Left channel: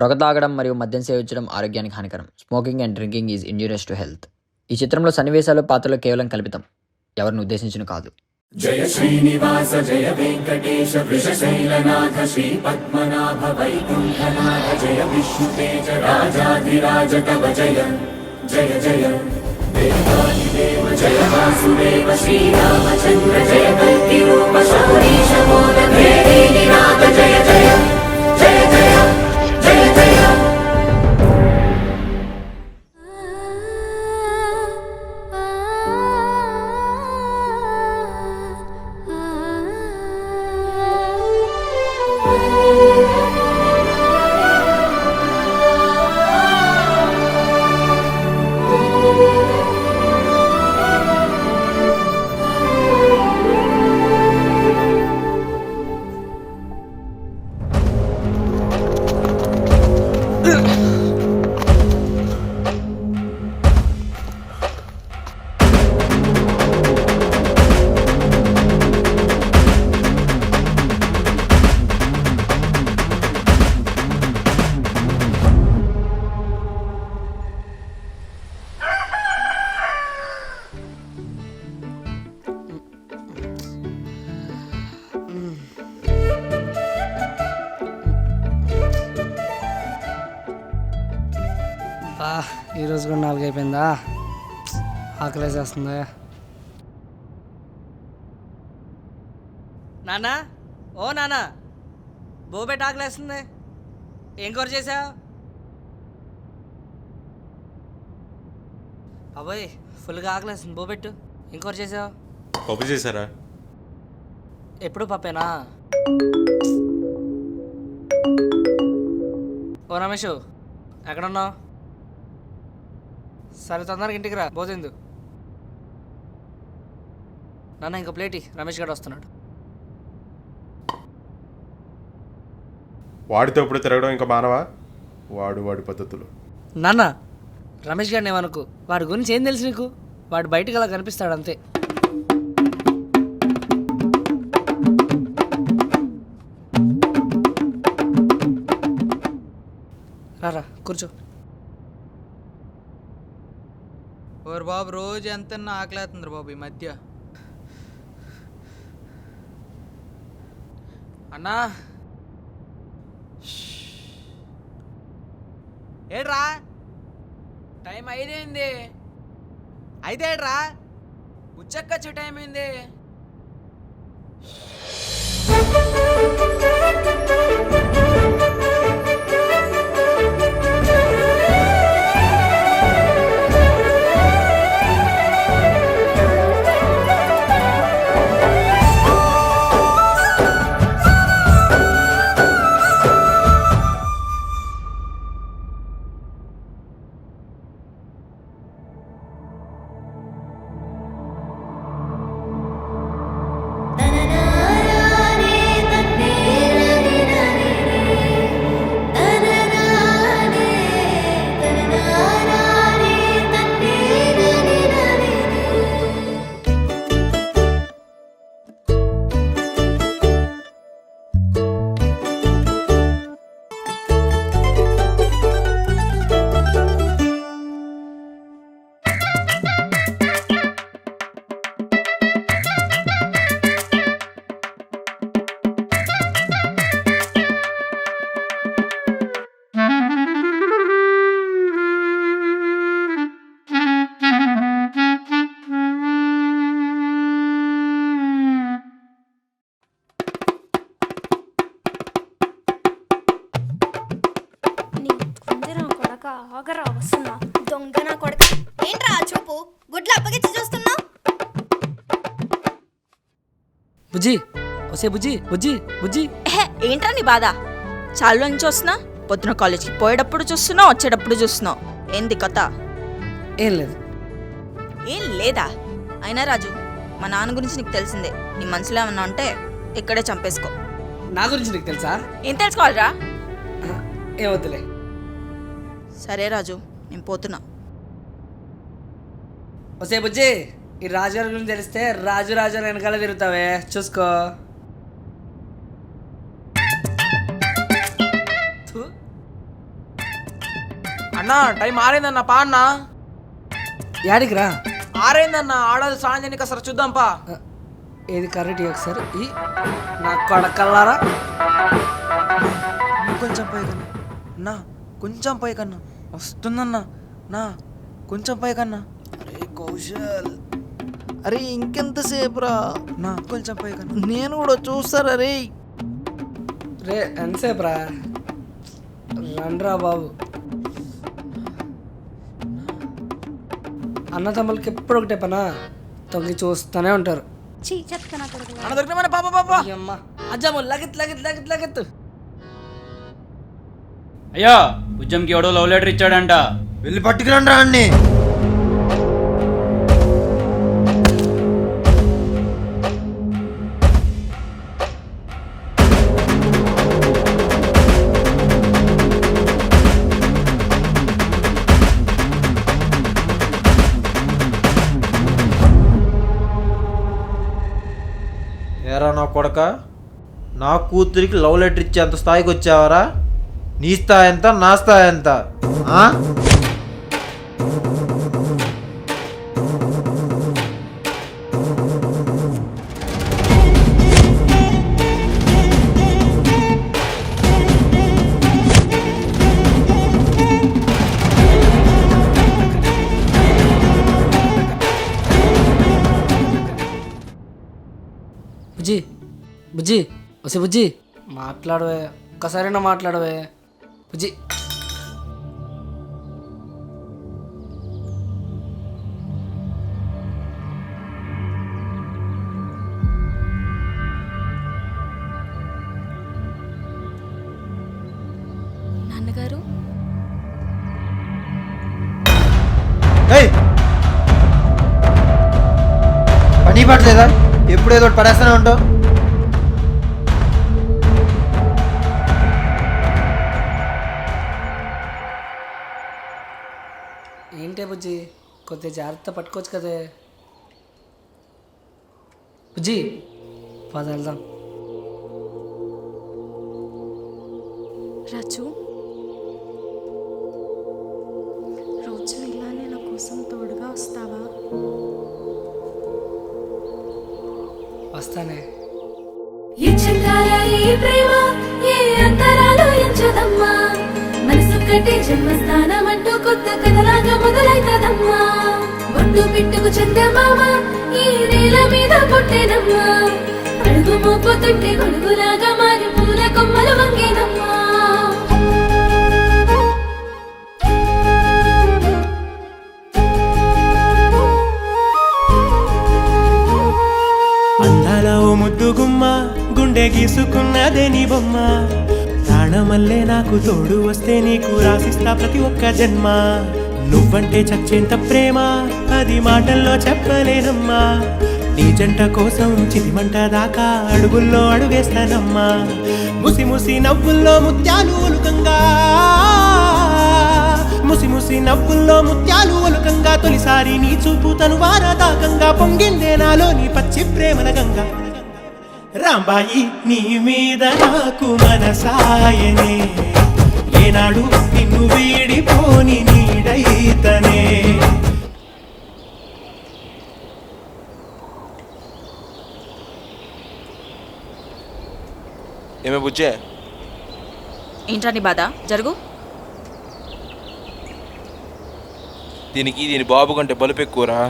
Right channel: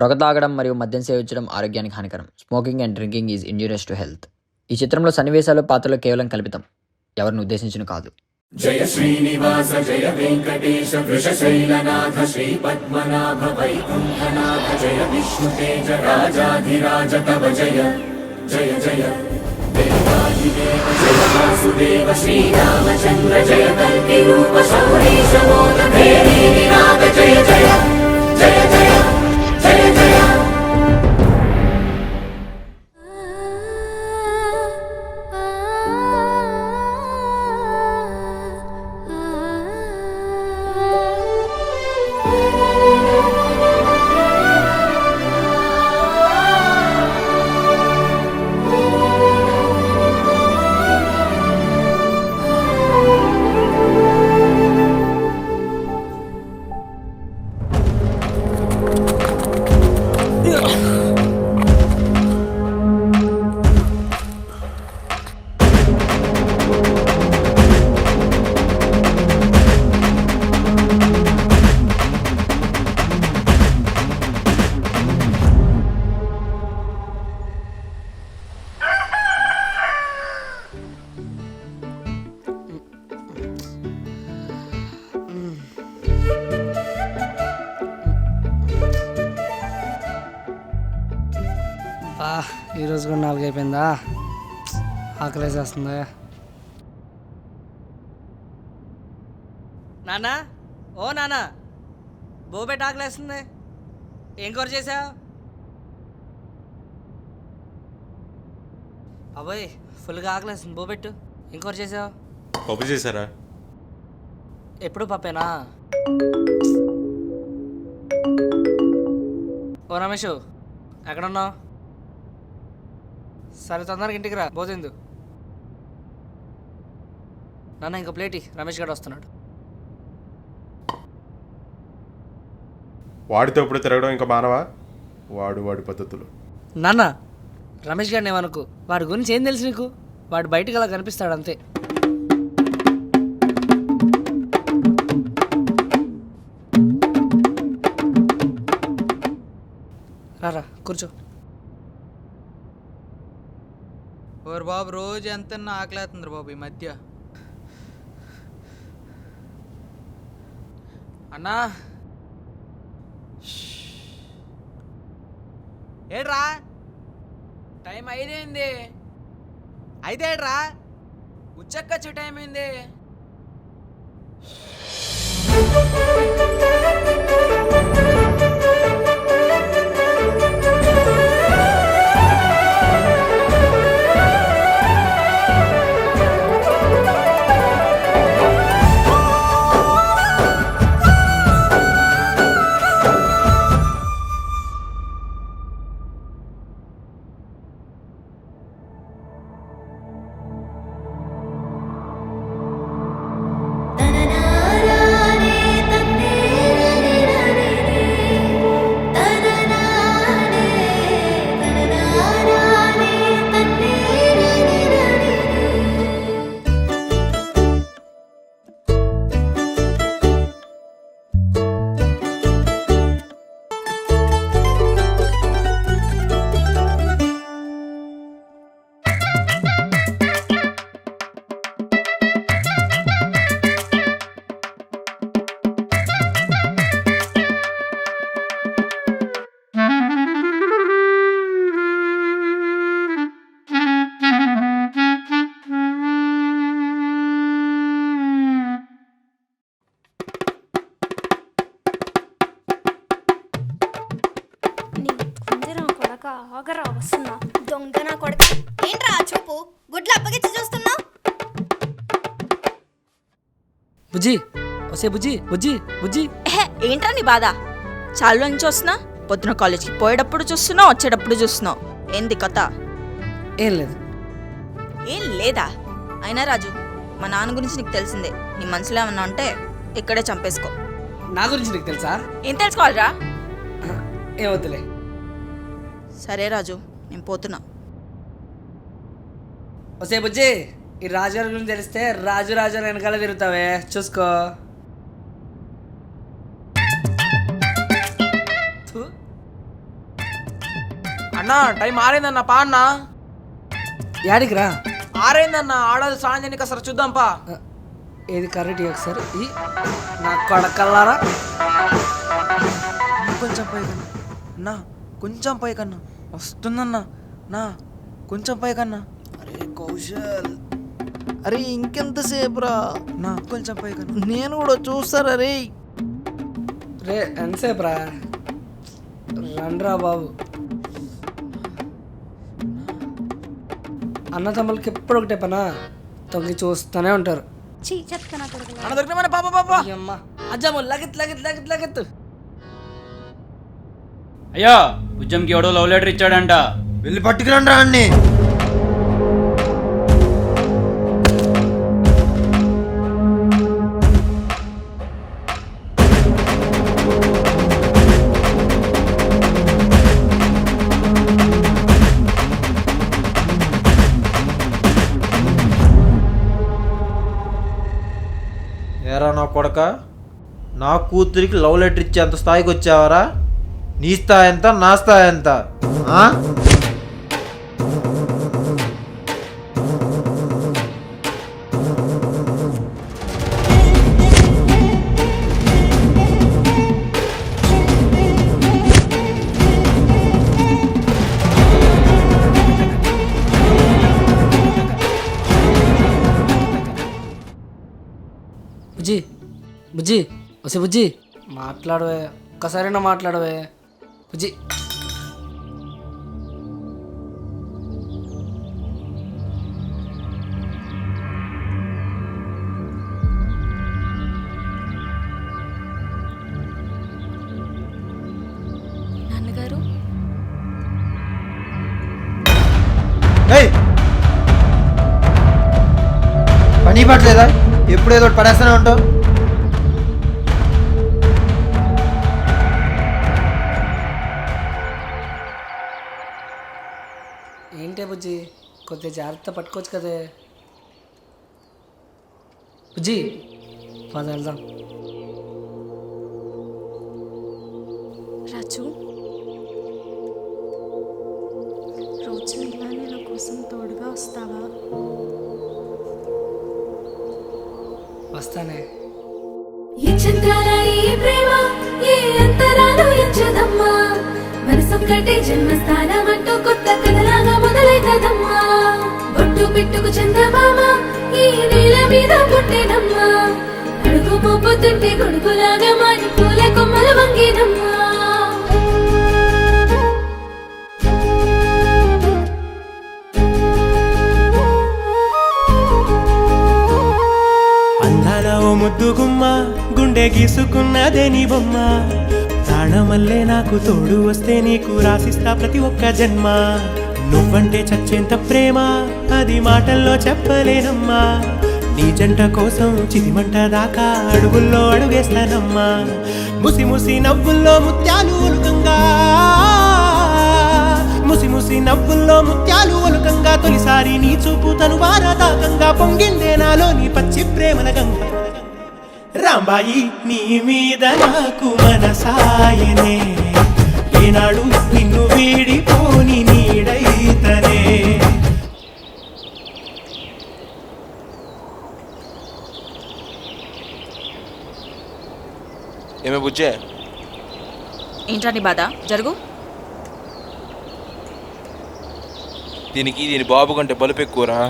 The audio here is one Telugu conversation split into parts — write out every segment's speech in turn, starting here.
పొగ తాగడం మరియు మద్యం సేవించడం ఆరోగ్యానికి హానికరం. Smoking and drinking is injurious to health. ఈ చిత్రంలో సన్నివేశాలు, పాత్రలు కేవలం కల్పితం, ఎవరిని ఉద్దేశించిన కాదు. జయ శ్రీనివాస జయ వెంకటేశ వృషశైలనాథ శ్రీ పద్మనాభ వైకుంఠనాథ జయ విష్ణుతేజ రాజాధిరాజ కవ జయ జయ జయ దేవాదిదేవ జయ వాసుదేవ శ్రీరామచంద్ర జయ కల్కి రూప శౌరీశ మోద భేరీ నినాద జయ జయ జయ జయ జయ జయ. ఈరోజు కూడా 4 అయిపోయిందా? ఆకలేసేస్తుంది. నాన్న, ఓ నాన్న, బోబెట్ ఆకలేస్తుంది. ఏం కూర చేసావు? అబ్బాయి ఫుల్గా ఆకలేస్తుంది, బోబెట్టు. ఏం కూర చేసావు? పప్పు చేశారా? ఎప్పుడు పప్పేనా? ఓ రమేష్, ఎక్కడున్నావు? సరే తొందరగా ఇంటికి రా, భోజందు. నాన్న ఇంకో ప్లేట్ రమేష్ గారు వస్తున్నాడు. వాడితో ఇప్పుడు తిరగడం ఇంకా మానవా? వాడి పద్ధతులు. నాన్న, రమేష్ గారిని ఏమనుకో, వాడి గురించి ఏం తెలుసు నీకు? వాడు బయటకు అలా కనిపిస్తాడు అంతే. రారా కూర్చో. ఓరు బాబు, రోజు ఎంత ఆకలేస్తుంది బాబు ఈ మధ్య. అన్నా, ఏడ్రా టైం 5 అయింది. 5 ఏడ్రా, ఉచ్చక్కచ్చు టైం అయింది. ఆగరా, వస్తున్నా. దొంగ నా కొడుక, ఏంట్రా చూపు? గుడ్లు అప్పగిచ్చి చూస్తున్నా. బుజ్జి, వసే బుజ్జి, బుజ్జి బుజ్జి. ఏంట్రా నీ బాధ? చాలు నుంచి వస్తున్నా, పొద్దున కాలేజ్కి పోయేటప్పుడు చూస్తున్నావు, వచ్చేటప్పుడు చూస్తున్నావు. ఏంది కథ? ఏం లేదు. ఏం లేదా? అయినా రాజు, మా నాన్న గురించి నీకు తెలిసిందే. నీ మనసులో ఏమన్నా ఉంటే ఇక్కడే చంపేసుకో. నా గురించి నీకు తెలుసా? ఏం తెలుసుకోవాలిరా? ఏమవుతులే. సరే రాజు, నేను పోతున్నా. వసే బుజ్జి, ఈ రాజుగారి గురించి తెలిస్తే రాజు వెనకాల తిరుగుతావే, చూసుకో. అన్నా టైం ఆరైందన్న పా అన్నా. యాడికి రా. ఆరైందన్న ఆడది స్నానం చేయడానికి అసలు చూద్దాం పా. ఏది కరెక్ట్ ఒకసారి ఈ నా కొడకల్లారా. కొంచెం పైకన్నా నా, కొంచెం పైకన్నా వస్తుందన్నా నా, కొంచెం పైకన్నా. అరే కౌశల్, అరే ఇంకెంతసేపు రా నా, కొంచెం పైకన్నా. నేను కూడా చూస్తారా రే. రే ఎంతసేపు రా, రండ్రా బాబు. అన్న తమ్ములకి ఎప్పుడు ఒకటే పనా, తొంగి చూస్తూనే ఉంటారు. అన్న దొరికిన పాప పాప. అమ్మ అజ్జమ్మ లగెత్ లగెత్ లగెత్ లగెత్. అయ్యా ఉద్యమ్కి ఎవడో లవ్ లెటర్ ఇచ్చాడంట. వెళ్ళి పట్టుకురండి రా అన్ని. ఏరా నా కొడక, నా కూతురికి లవ్ లెటర్ ఇచ్చేంత స్థాయికి వచ్చావరా? నీ స్థాయి ఎంత, నా స్థాయి ఎంత? బుజ్జి బుజ్జి వసే బుజ్జి, మాట్లాడవే ఒక్కసారైనా మాట్లాడవే బుజ్జి. నాన్నగారు పని పట్టలేదా? ఎప్పుడు ఏదో ఒకటి పడేస్తూనే ఉంటావు. ఏంటే బుజ్జి, కొద్దిగా జాగ్రత్త పట్టుకోవచ్చు కదే బుజ్జి. పద వెళ్దాం. రాజు, రోజు ఇలానే నా కోసం తోడుగా వస్తావా? వస్తానే. ఈ చంద్రాల ఈ ప్రేమ ఏ అంతరాలు ఎంచదమ్మా, మనసు కట్టే జన్మస్థానం అంటూ కొత్త కథలాగా మొదలైతదమ్మా. బొట్టు పిట్టుకు చందమామ ఈ నేల మీద పుట్టేనమ్మా, అడుగు మోపుతుంటే గొడుగులాగా మారి పూల కొమ్మలు వంగేనమ్మా. అందాల ఓ ముద్దు గుమ్మ, గుండె గీసుకున్నదే నీ బొమ్మ. ప్రాణమల్లే నాకు తోడు వస్తే నీకు రాసిస్తా ప్రతి ఒక్క జన్మ. నువ్వంటే చచ్చేంత ప్రేమ అది మాటల్లో చెప్పలేనమ్మా. నీ జంట కోసం చితిమంట దాకా అడుగుల్లో అడుగేస్తానమ్మా. ముసి ముసి నవ్వుల్లో ముత్యాలు ఒలుకంగా, ముసి ముసి నవ్వుల్లో ముత్యాలు ఒలుకంగా, తొలిసారి నీ చూపు తను వారదాకంగా పొంగిందే నాలో నీ పచ్చి ప్రేమల గంగా. రాంబాయి నీ మీద నాకు మనసాయనే, ఏనాడు నిన్ను వీడిపోని నీడైతనే. ఏమే బుజ్జే, ఏంట్రా నీ బాధ? జరుగు. దీని బాబు కంటే బలుపు ఎక్కువరా.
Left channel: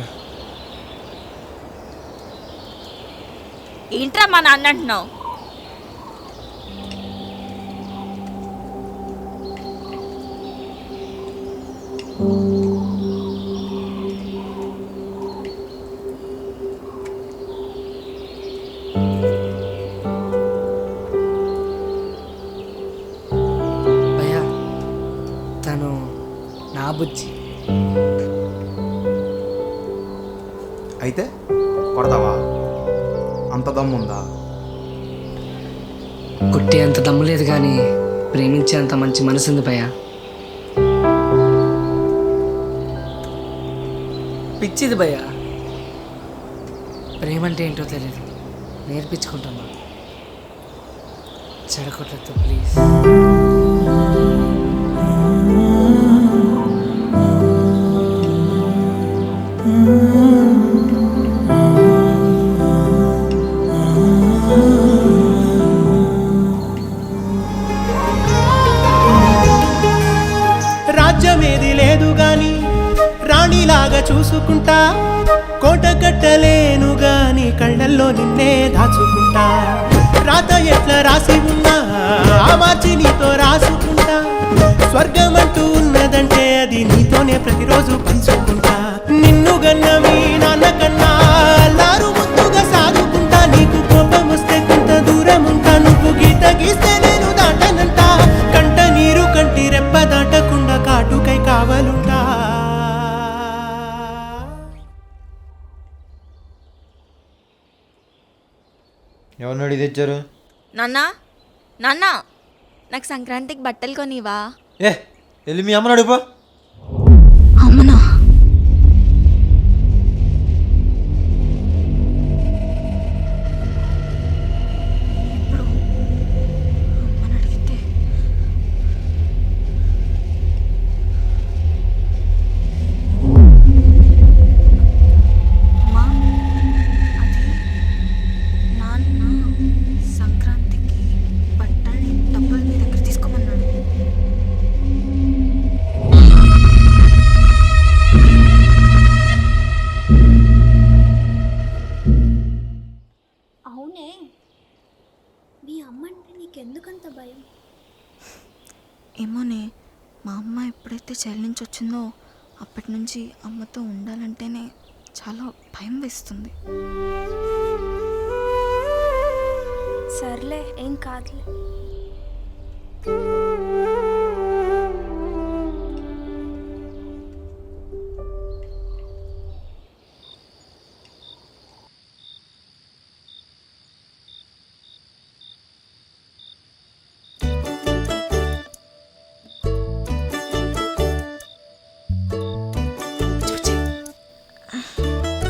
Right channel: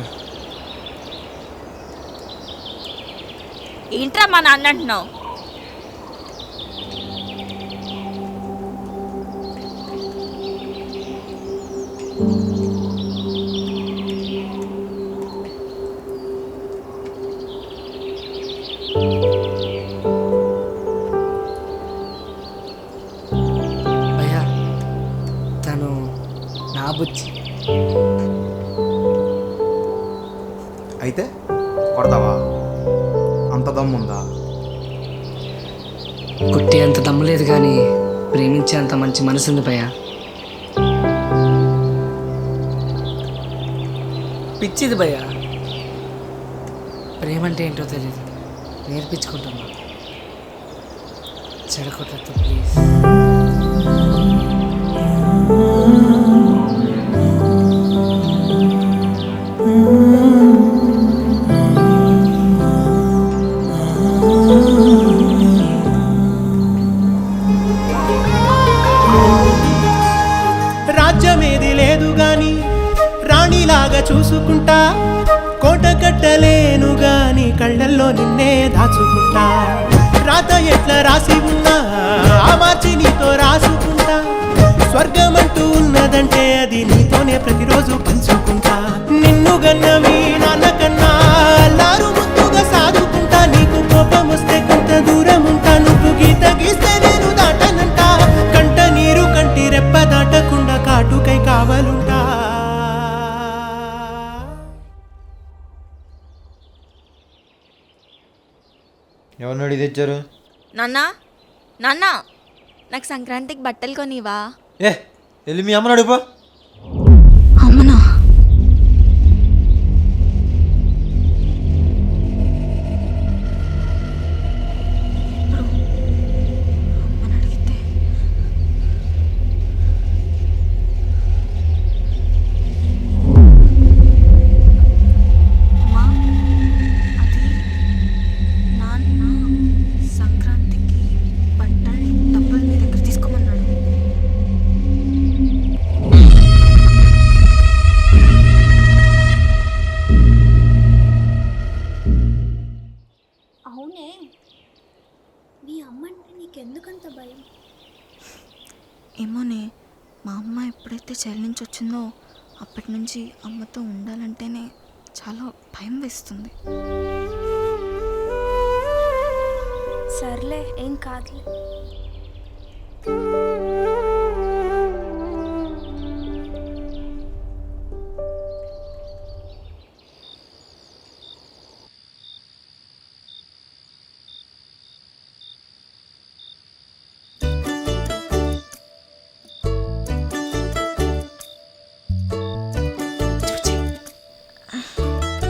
ఏంట్రా మా నాన్న అంటున్నావు? భయ్యా తను నా బుజ్జి. అయితే కొడతావా? అంత దమ్ముందా? కొట్టే అంత దమ్ము లేదు కానీ ప్రేమించే అంత మంచి మనసు ఉంది భయ్యా. పిచ్చిది భయ్యా, ప్రేమ అంటే ఏంటో తెలియదు, నేర్పించుకుంటున్నా. చెడగొట్టద్దు ప్లీజ్. అందమేది లేదు గాని రాణిలాగా చూసుకుంటా, కోట కట్టలేను గాని కళ్ళల్లో నిన్నే దాచుకుంటా. రాత ఎట్లా రాసి ఉన్నా ఆ మార్చి నీతో రాసుకుంటా. స్వర్గమంటూ ఉన్నదంటే అది నీతోనే ప్రతిరోజు పంచుకుంటా. నిన్ను గన్నవి నాన్న కన్నా అల్లారు ముద్దుగా సాదుకుంటా. నీకు కోపం వస్తే కొంత దూరం ఉంటా, నువ్వు గీత గీస్తే నేను దాటనంట. కంట నీరు కంటి రెప్ప దాటకుండా కాటుకై కావలుంటా. ఎవరినోడి తెచ్చారు? నాన్న నాన్న, నాకు సంక్రాంతికి బట్టలు కొనివా? వెళ్ళి మీ అమ్మని అడుగు పో. అమ్మనా? ఇప్పుడు అమ్మని అడిగితే అమ్మా, అది నాన్న సంక్రాంతికి బట్టలు డబ్బులు నీ దగ్గర తీసుకోమన్నాడు. అవునే, మీ అమ్మ అంటే నీకెందుకంత భయం? ఏమోనే, మా అమ్మ ఎప్పుడైతే జైలు నుంచి వచ్చిందో అప్పటి నుంచి అమ్మతో ఉండాలంటేనే చాలా భయం వేస్తుంది. సర్లే, ఏం కాదులే.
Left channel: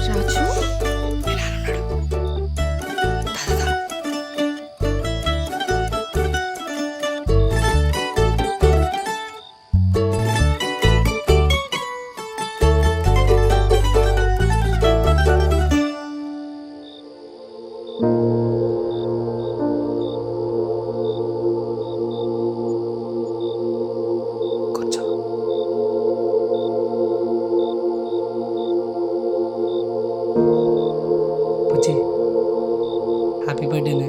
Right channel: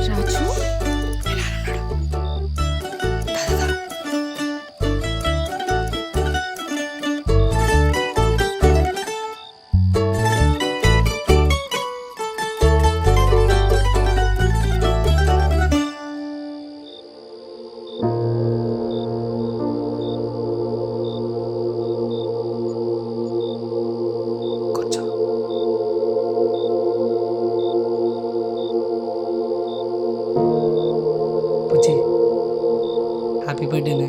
రాజు, పుచ్చి, హ్యాపీ బర్త్డేనే.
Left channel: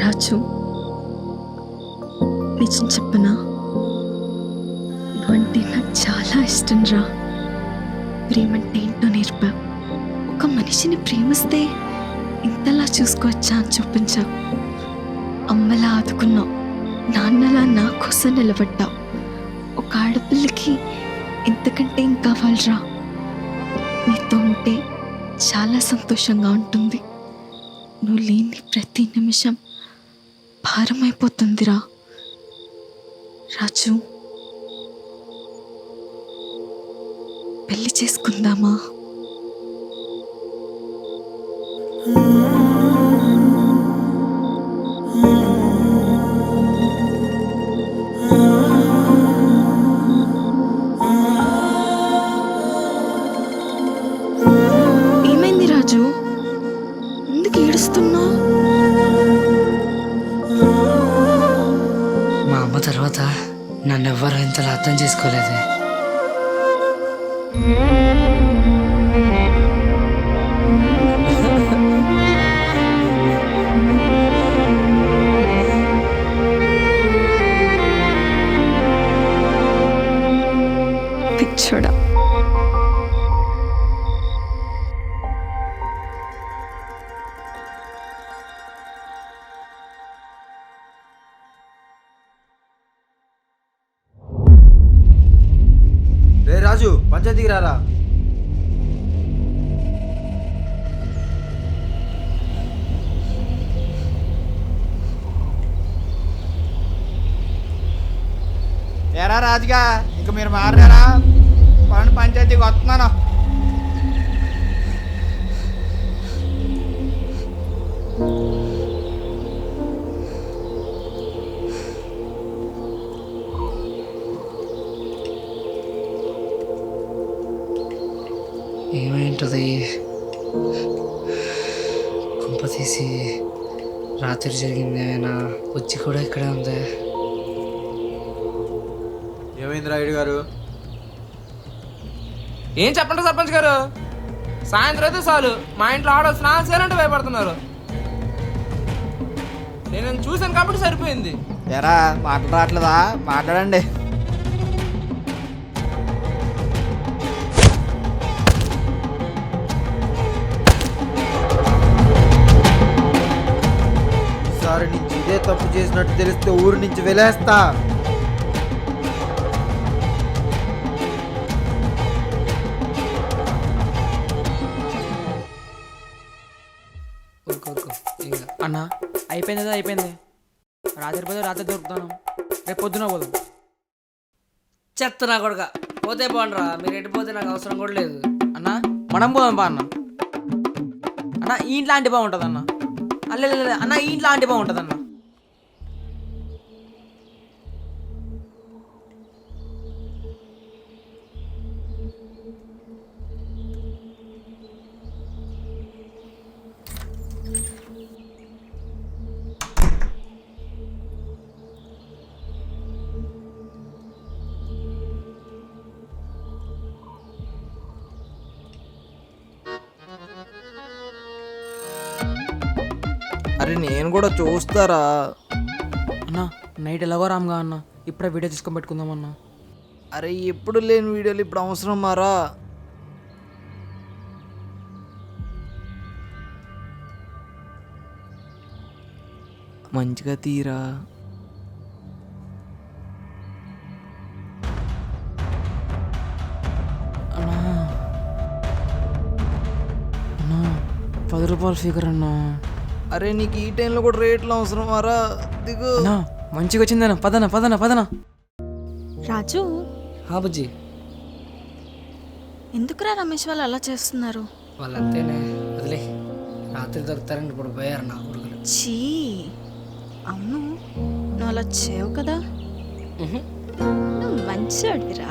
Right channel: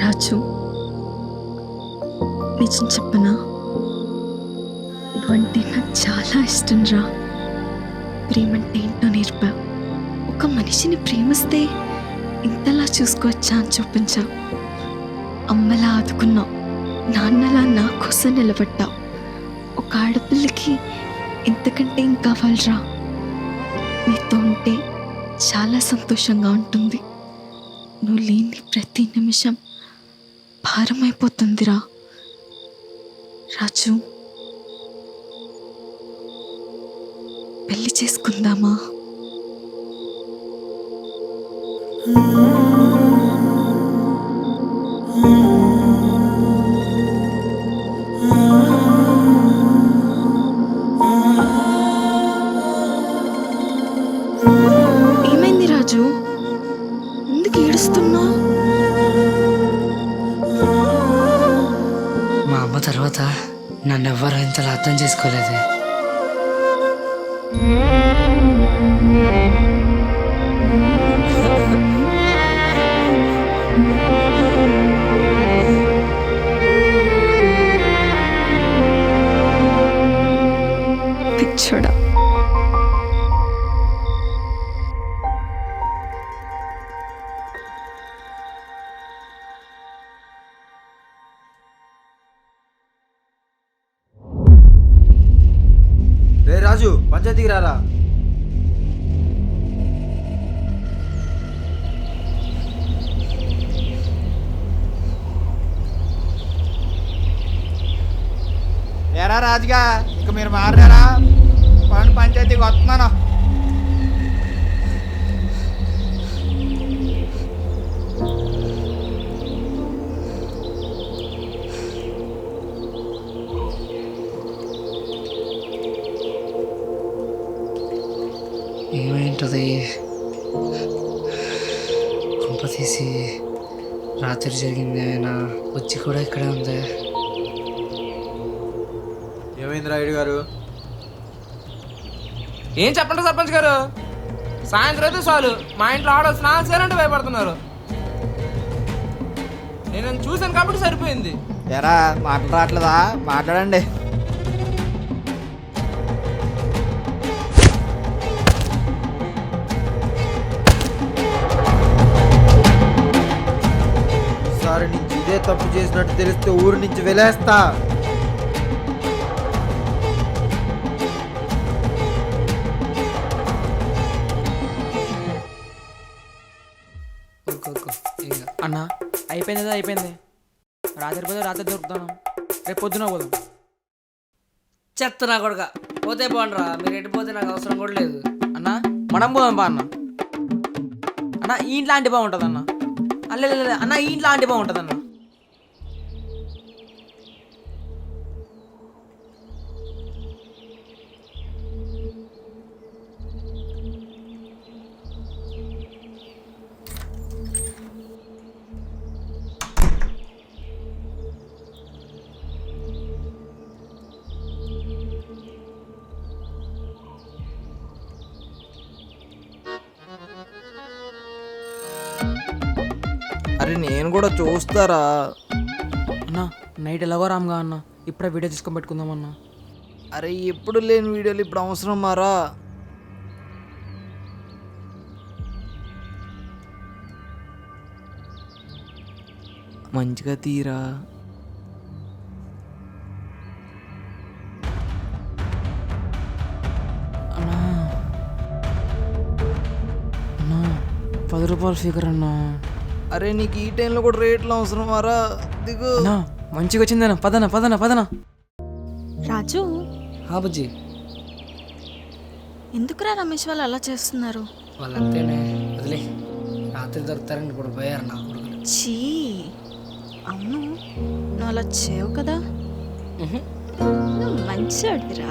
రాజు, నిజం చెప్పనా, నువ్వంటే నాకు చాలా ఇష్టం రా. ప్రేమంటే ఏంటో నేర్పా. ఒక మనిషిని ప్రేమిస్తే ఇంతలా చూసుకోవచ్చా అని చూపించావు. అమ్మలా ఆదుకున్నావు, నాన్నలా నా కోసం నిలబడ్డావు. ఒక ఆడపిల్లకి ఇంతకంటే ఏం కావాలరా? నీతో ఉంటే చాలా సంతోషంగా ఉంటుంది. నువ్వు లేని ప్రతి నిమిషం భారమైపోతుందిరా. రాజు, పెళ్లి చేసుకుందామా? ఏమైంది రాజు, ఎందుకు ఏడుస్తున్నావు? మా అమ్మ తర్వాత నన్ను ఎవ్వరూ ఇంతలా అర్థం చేసుకోలేదే. పిచ్చోడా. రే రాజు, పంచాయతీకి రారా. ఎరా రాజుగా ఇక మీరు మారారా పంచాయతీకి వస్తున్నాను. ఏమైంటుంది? కుంప తీసి రాత్రి జరిగింది ఏమైనా వచ్చి కూడా ఇక్కడే ఉంది. ఏమైంది రాయుడు గారు? ఏం చెప్పండి సర్పంచ్ గారు, సాయంత్రం అయితే చాలు మా ఇంట్లో ఆడవాళ్ళు స్నానం చేయాలంటే భయపడుతున్నారు. నేను చూశాను కాబట్టి సరిపోయింది. ఎరా మాటలు రావట్లేదా? మాట్లాడండి. ఈసారి నుంచి ఇదే తప్పు చేసినట్టు తెలిస్తే ఊరి నుంచి వెళ్ళేస్తా. అన్నా అయిపోయింది, అయిపోయింది. రాత్రి పోతే రాత్రి దొరుకుతాను, రేపు పొద్దున పోదాం. చెత్త నా కొడుక, పోతే పోండ్రా, మీరు ఎట్టిపోతే నాకు అవసరం కూడా లేదు. అన్న మనం పోదాం బా. అన్న ఈ ఇంట్లో ఆంటీ బాగుంటుంది అన్న. అల్లే అన్న ఈ ఇంట్లో ఆంటీ బాగుంటుంది అన్న. అరే నేను కూడా చూస్తారా అన్న? నైట్ ఎలాగో రామ్గా అన్న, ఇప్పుడే వీడియో తీసుకొని పెట్టుకుందామన్నా. అరే ఎప్పుడు లేని వీడియోలు ఇప్పుడు అవసరం మారా? మంచిగా తీరా. అన్నా అన్నా 10 రూపాయల ఫిగర్ అన్నా. అరే నీకు ఈ టైంలో కూడా రేట్లు అవసరం మారా? దిగు. అన్నా మంచిగా వచ్చిందన్న, పదనా పదనా పదనా. రాజు, బుజ్జి, ఎందుకురా రమేష్ వాళ్ళు అలా చేస్తున్నారు? వాళ్ళంతేనే, వదిలే. రాత్రి దొరుకుతారని ఇప్పుడు పోయారు నా కొడుకులు. చీ, అవును నువ్వు అలా చేయవు కదా. నువ్వు మంచివాడిరా.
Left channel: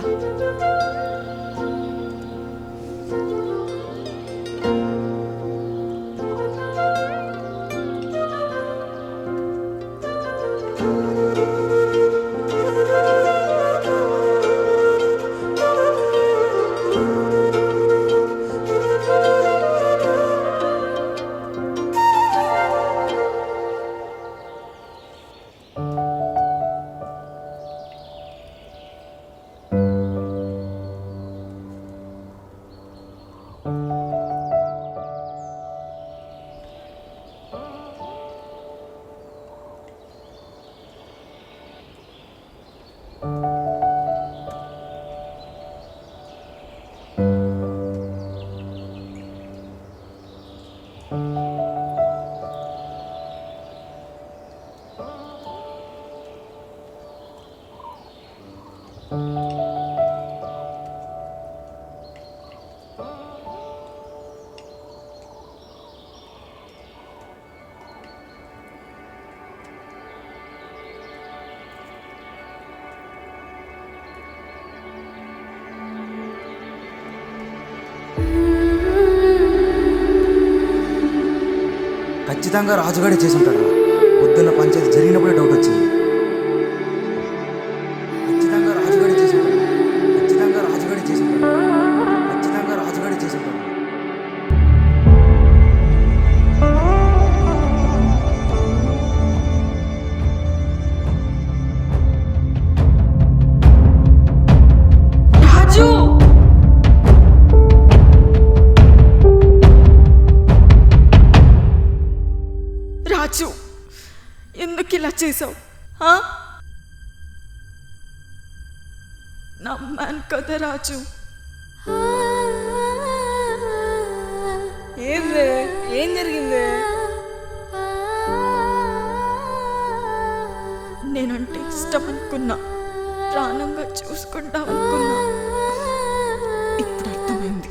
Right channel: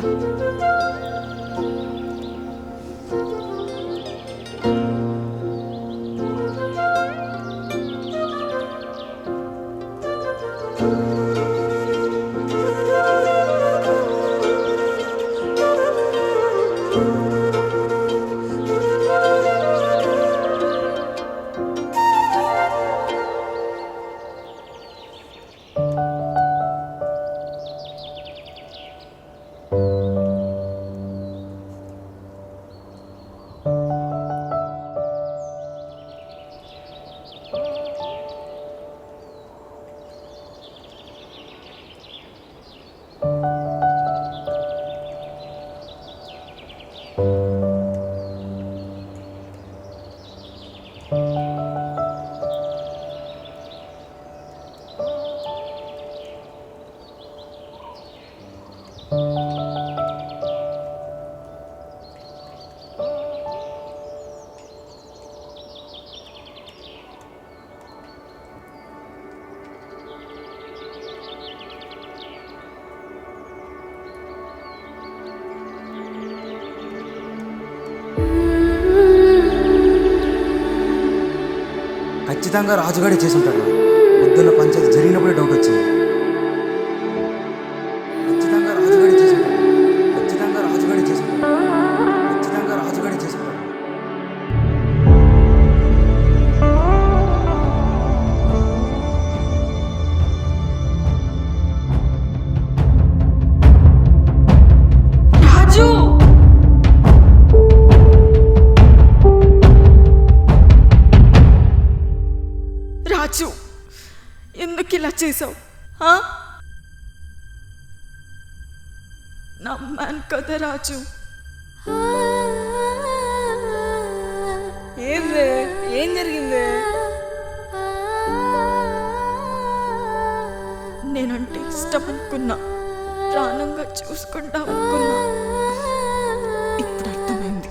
ఖచ్చితంగా రాజుగాడే చేసి ఉంటాడు. పొద్దున్న పంచాయతీ జరిగినప్పుడే డౌట్ వచ్చింది. ఖచ్చితంగా రాజుగాడే చేసి ఉంటాడు. ఖచ్చితంగా రాజుగాడే చేసి ఉంటాడు. ఖచ్చితంగా రాజుగాడే చేసి ఉంటాడు. రాజు, రాజు ఎందుకు ఇలా చేసావు? నమ్మాను కదా రాజు. ఏంది? ఏం జరిగింది? నేనంటే ఇష్టం అనుకున్నా, ప్రాణంగా చూసుకుంటామనుకున్నా. ఇప్పుడు అర్థమైంది,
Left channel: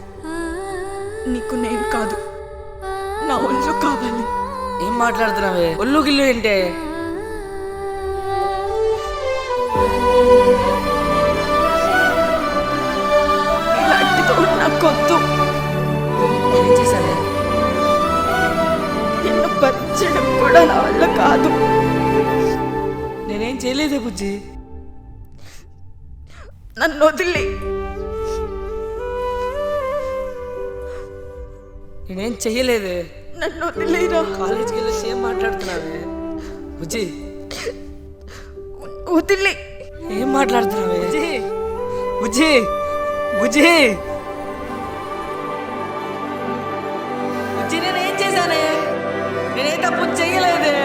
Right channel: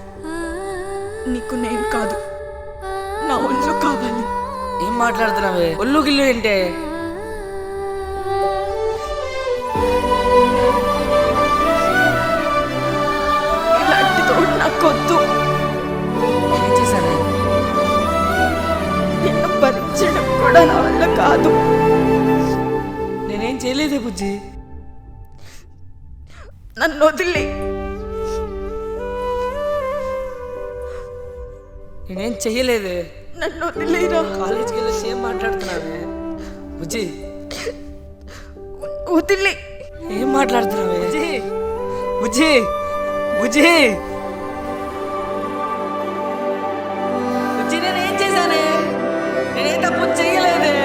నీకు నేను కాదు, నా ఒళ్ళు కావాలి. ఏం మాట్లాడుతున్నావే? ఒళ్ళు గిల్లు ఏంటే? ఇలాంటి తోడు నాకొద్దు. ఏం చేశానే? నిన్ను భరించడం కూడా నా వల్ల కాదు. నేనేం చేయలేదే బుజ్జి. నన్ను వదిలే. నేనేం చెయ్యలేదే. నన్ను వదిలేరా. కాలేజీకి వెళ్ళి ఏం మాట్లాడుతున్నావే బుజ్జి? వదిలే. ఏం మాట్లాడుతున్నావే బుజ్జి? బుజ్జి బుజ్జి బుజ్జి నేనేం చేశానే? నేనేం తప్పు చెయ్యలేదే.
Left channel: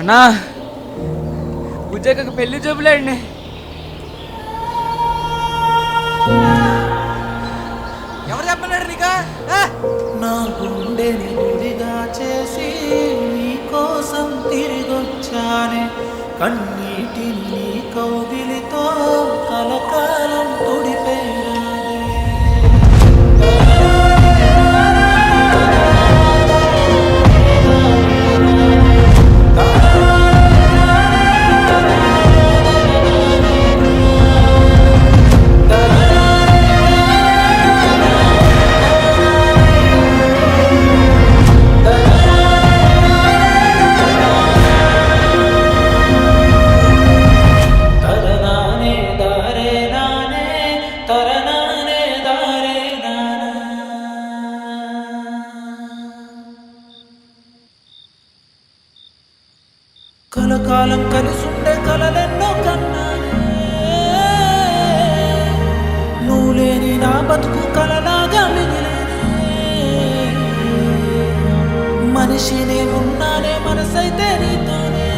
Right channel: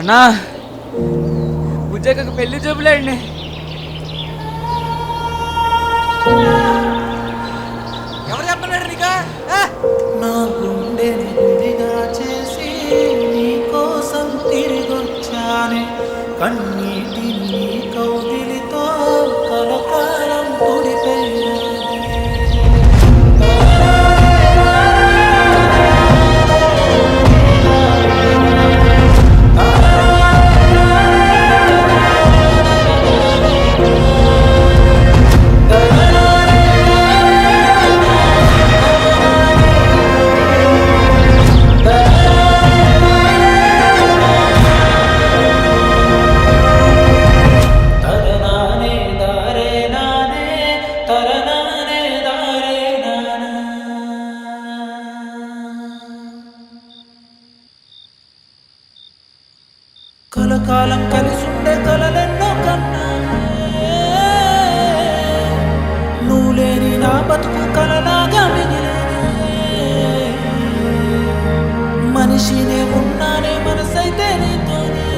అన్నా బుజ్జక్కకు పెళ్లి చూపులేండి. ఎవరు చెప్పలేరు నీకా? నా గుండెని గుడిగా చేసి నీ కోసం తిరిగొచ్చానే, కన్నీటిని నీ కౌగిలితో కలకాలం తుడిపేరాదే. కలకాలం కలిసుండే కలలెన్నో కన్నానే, నువ్వు లేని నా బతుకు కలలాగా మిగిలేనే. మనిషినే ఉన్నానే, మనసైతే నీతోనే.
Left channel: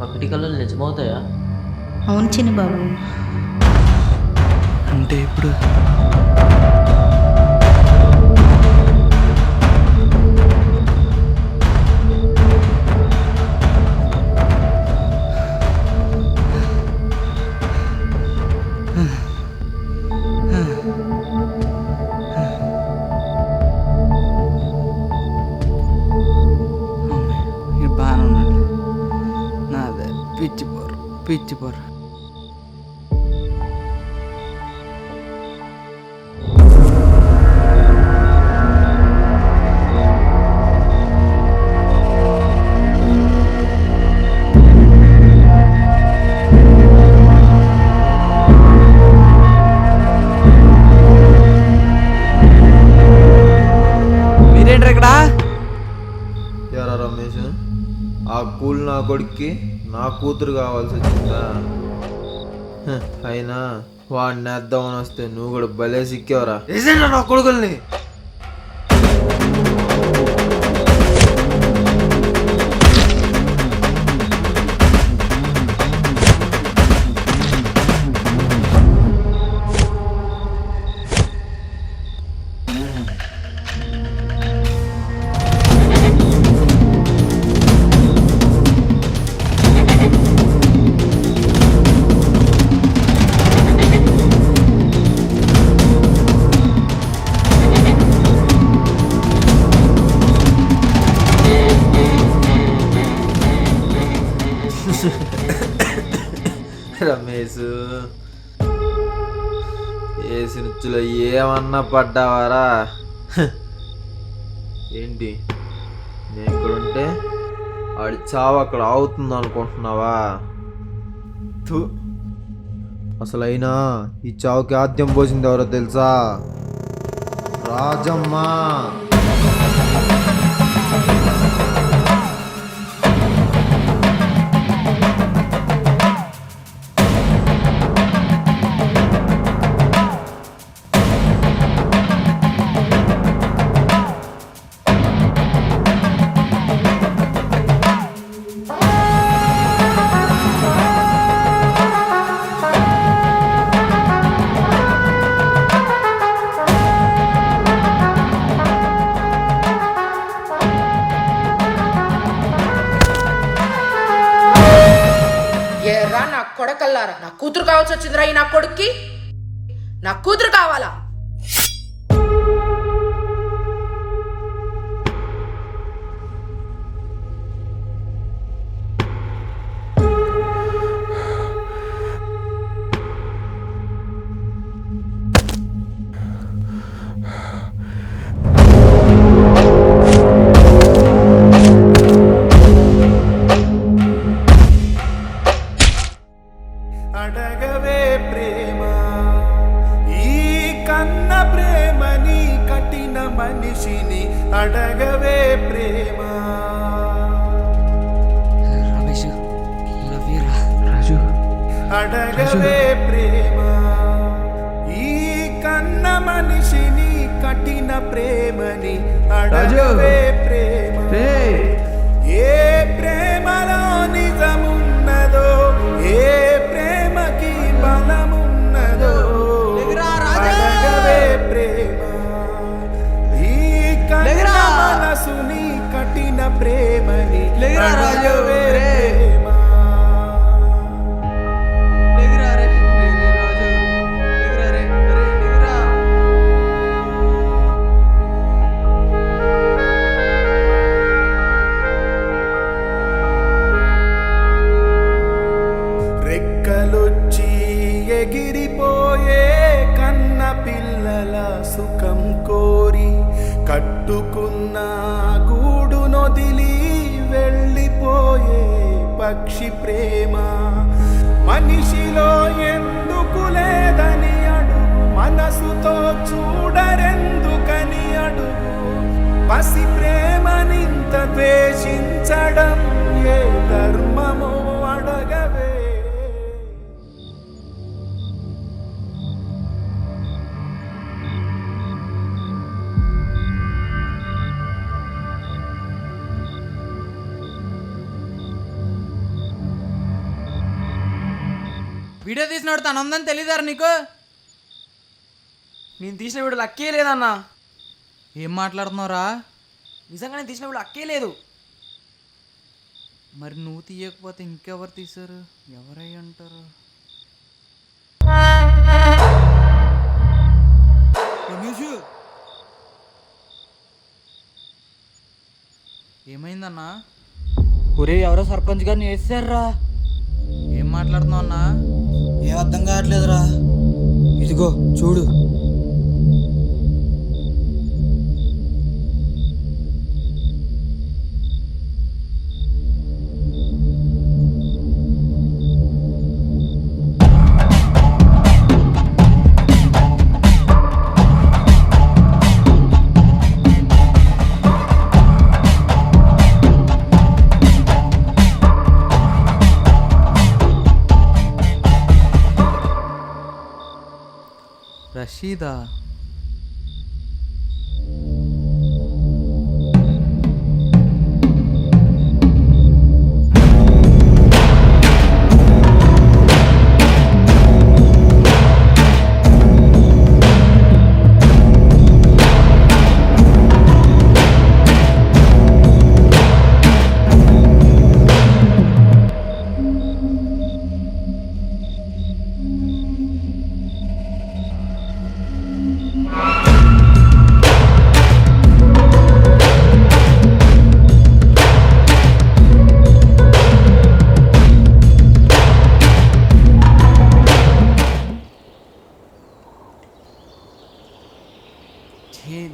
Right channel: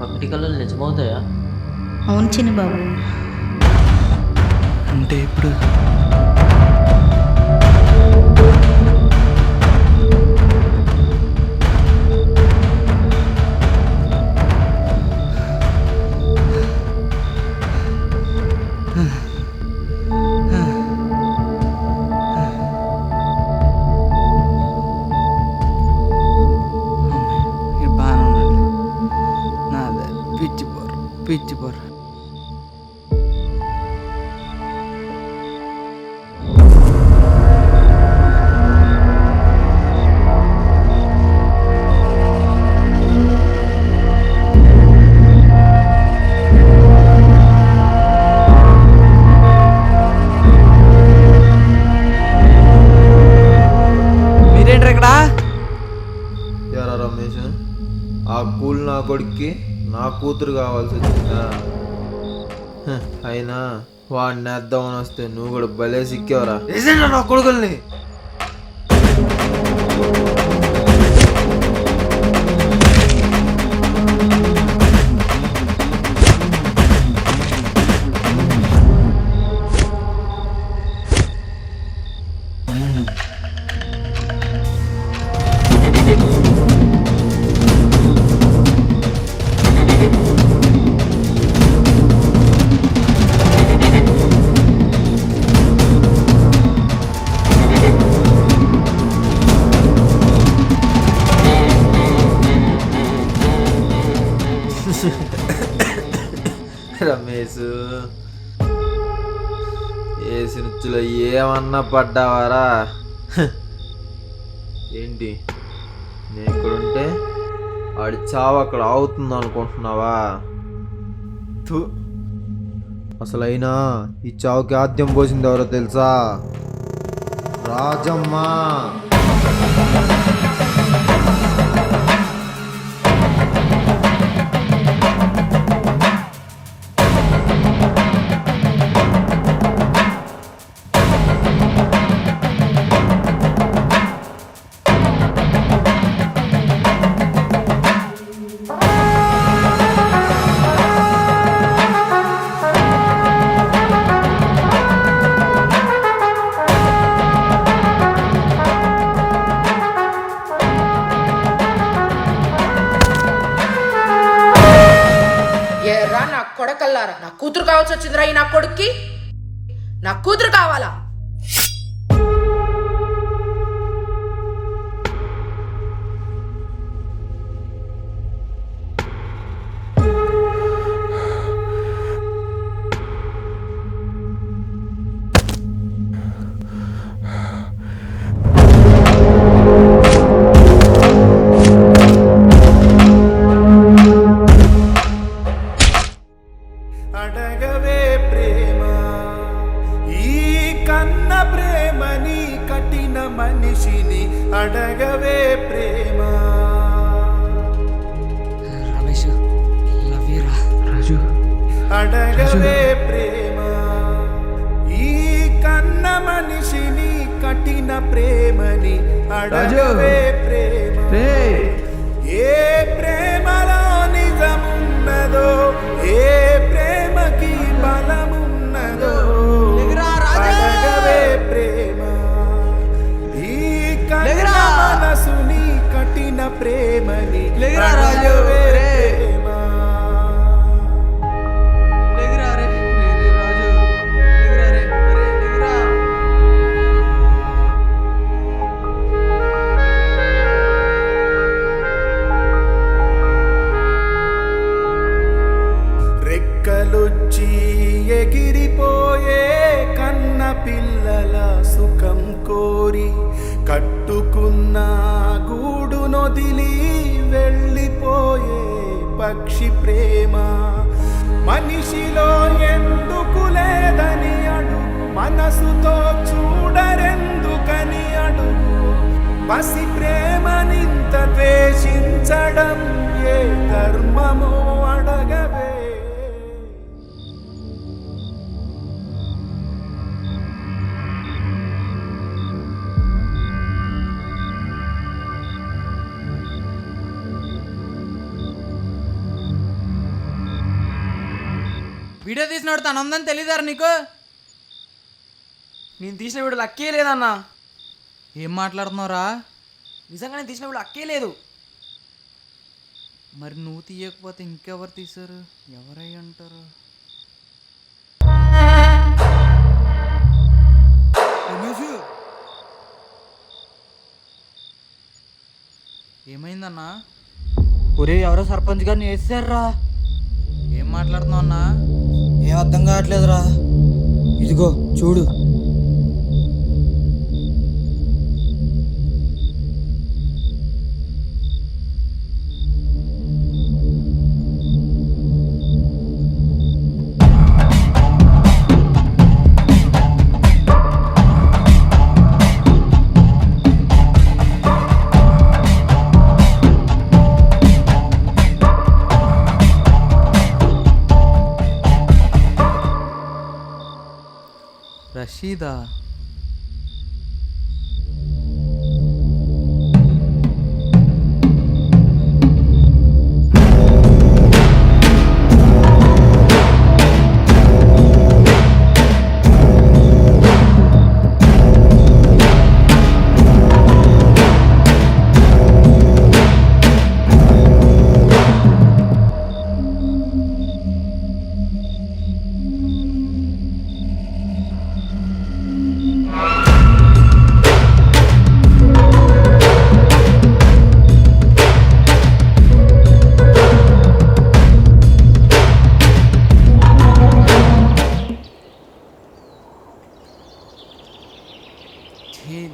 పగటి కళలు నిజమవుతాయా? అవును చిన్న బాబు. అంటే ఇప్పుడు బాగానే ఉండండి. నాదే పిచ్చిపోరు. కొడుక్కి నా కూతురు కావాల్సి వచ్చిందా? అయినా వాడిని నేద్దామని వస్తే నువ్వు కూడా భలే సిక్కేవరా. వేసేనా నా కొడుకుల్ని? రమేష్, ఏసి నుచ్చులో ఏమన్నా పడ్డావారా? ఏంటి నేను ఇక్కడుంటే ఆడి చావు అక్కడ ఆగుతుంది అనుకుంటున్నావా? అసలైనా ఈ చావుకి ఆద్యం పోసింది ఎవరో తెలుసా? రాజమ్మ. నా కొడకల్లారా, నా కూతురు కావాల్సి వచ్చిందిరా. ఈ నా కొడుక్కి నా కూతురు కావాలా? అడగవే ప్రేమ, ఈ కన్న ప్రేమని కఠిన మనిషిని అడగవే ప్రేమ. రమేష్, లవ్ యూ రా. రాజు, అడగవే ప్రేమ, ఈ కన్న మనిషిని కఠిన ప్రేమని అడగవే ప్రేమ. ఏ ప్రేమలో నిజమున్నదో, ఏ ప్రేమకి బలమున్నదో అడగవే ప్రేమ. ఈ కన్న మనసుని కఠిన ప్రేమని అడగవే ప్రేమ. రెక్కలొచ్చి ఎగిరిపోయే కన్న పిల్లల సుఖం కోరి కట్టుకున్న గూడు నొదిలి వెళ్ళిపోయే పక్షి ప్రేమ. మనిషిలో ఎందుకు లేదని అడుగు, మనసుతో చూడరెందుకని అడుగు. పసి ప్రేమనింత ద్వేషించడం ఏ ధర్మమో అడగవే. వీడియో తీసినవాడు తను ఉందని తెలియదారా నీకు? నేను తీసిన వీడు లక్కే లేదన్నా. ఏం మాట్లాడుతున్నావురా? నిజంగా నేను తీసిన వీడు లక్కే లేదు. మరి నువ్వు తీయకపోతే ఇంకెవరు తీశారు? ఎవరై అంటారు? ఏమైందన్నా? ఒరే, ఎవరో సర్పంచ్ గారిని వేసారా. ఏం మాట్లాడుతున్నావు అన్నా? ఏం అర్థం కావట్లేదురా. ఇదిగో చూడు. రషీదా?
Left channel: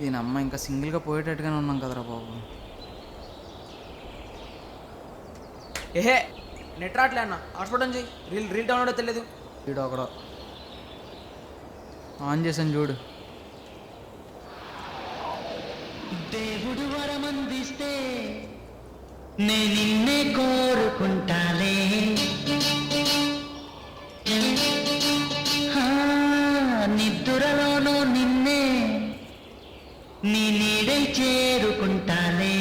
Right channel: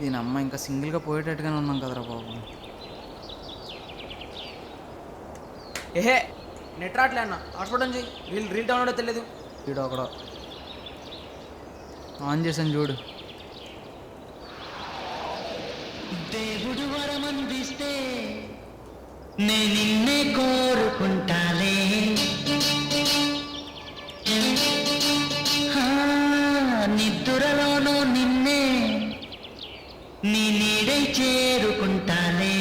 దీని అమ్మ ఇంకా సింగిల్గా పోయేటట్టుగానే ఉన్నాం కదరా బాబు. ఏహే నెట్ రావట్లే అన్న, హాట్స్పాట్ నుంచి రీల్ డౌన్లోడ్ తెలియదు. వీడు అక్కడ ఆన్ చేసాను చూడు. దేవుడు వరమందిస్తే నే నిన్నే కోరుకుంటాలే, నిద్దురలోనూ నిన్నే నీ నీడై చేరుకుంటాలే.